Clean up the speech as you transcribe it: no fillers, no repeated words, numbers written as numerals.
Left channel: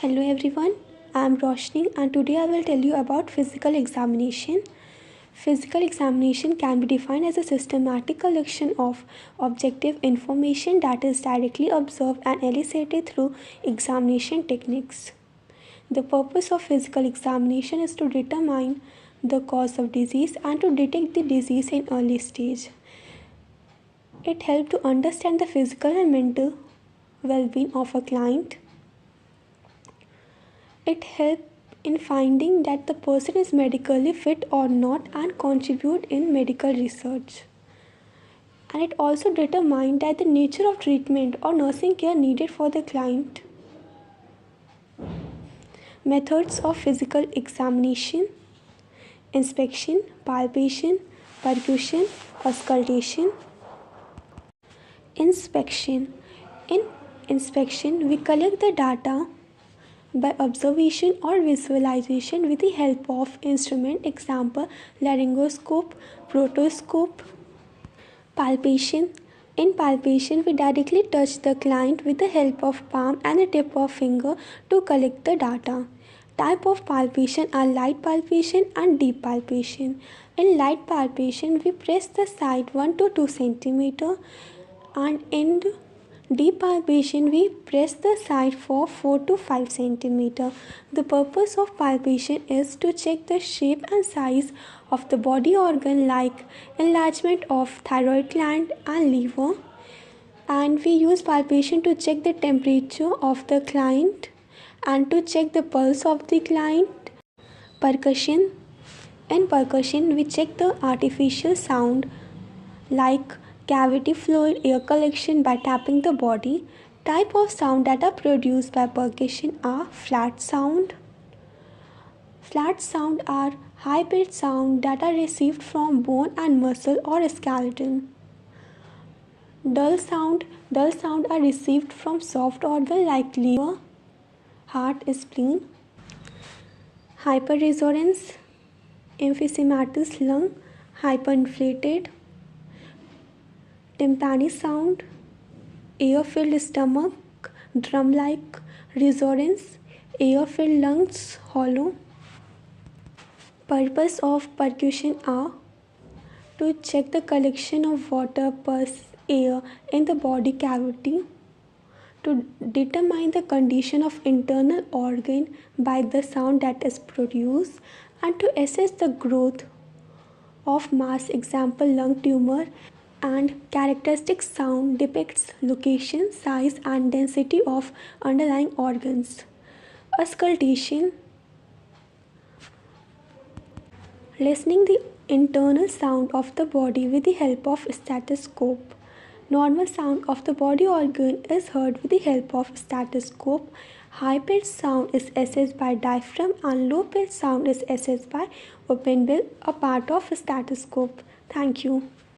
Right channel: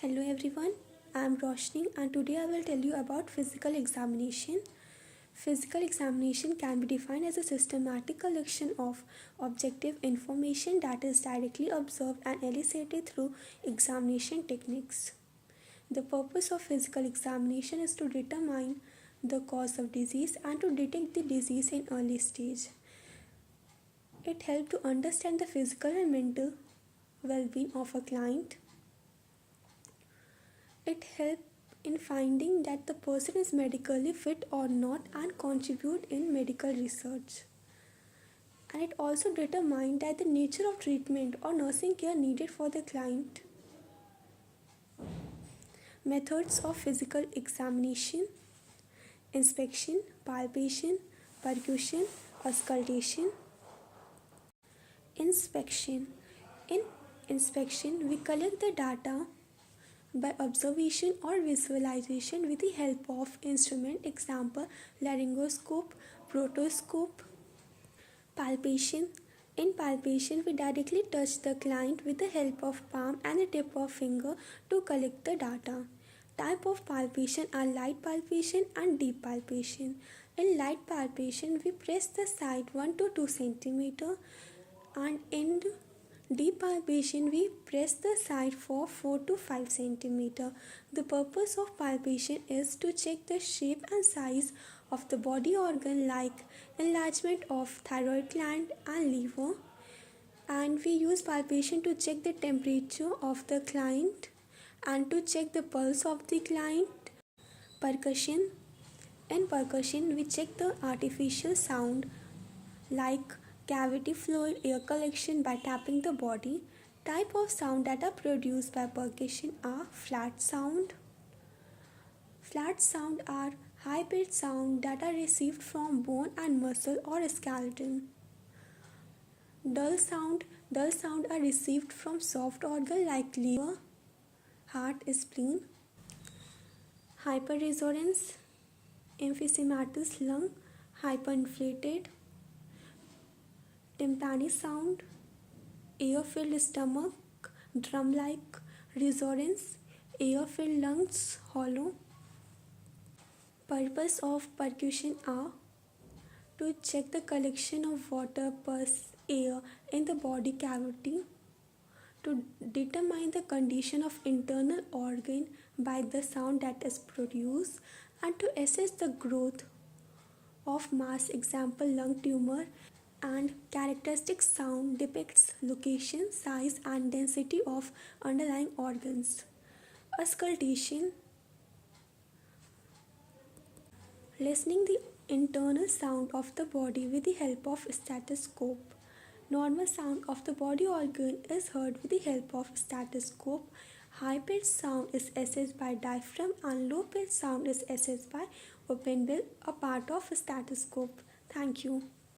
Hello everyone, I am Roshni and today I will tell you about physical examination. Physical examination can be defined as a systematic collection of objective information that is directly observed and elicited through examination techniques. The purpose of physical examination is to determine the cause of disease and to detect the disease in early stage. It helps to understand the physical and mental well-being of a client. It helps in finding that the person is medically fit or not and contribute in medical research. And it also determines that the nature of treatment or nursing care needed for the client. Methods of physical examination: inspection, palpation, percussion, auscultation. Inspection. In inspection, we collect the data by observation or visualization with the help of instrument, example laryngoscope, proctoscope. Palpation. In palpation, we directly touch the client with the help of palm and the tip of finger to collect the data. Type of palpation are light palpation and deep palpation. In light palpation, we press the site 1 to 2 cm, and in deep palpation, we press the site for 4 to 5 cm. The purpose of palpation is to check the shape and size of the body organ like enlargement of thyroid gland and liver. And we use palpation to check the temperature of the client and to check the pulse of the client. Percussion. In percussion, we check the artificial sound like cavity fluid air collection by tapping the body. Type of sound that are produced by percussion are flat sound. Flat sound are high-pitched sound that are received from bone and muscle or skeleton. Dull sound are received from soft organ like liver, heart, spleen. Hyperresonance, emphysematous lung, hyperinflated. Tympanic sound, air-filled stomach, drum-like. Resonance, air-filled lungs, hollow. Purpose of percussion are to check the collection of water, pus, air in the body cavity, to determine the condition of internal organ by the sound that is produced, and to assess the growth of mass, example lung tumor. And characteristic sound depicts location, size and density of underlying organs. Auscultation, listening the internal sound of the body with the help of stethoscope. Normal sound of the body organ is heard with the help of stethoscope. High-pitched sound is assessed by diaphragm and low-pitched sound is assessed by open bill, a part of stethoscope. Thank you.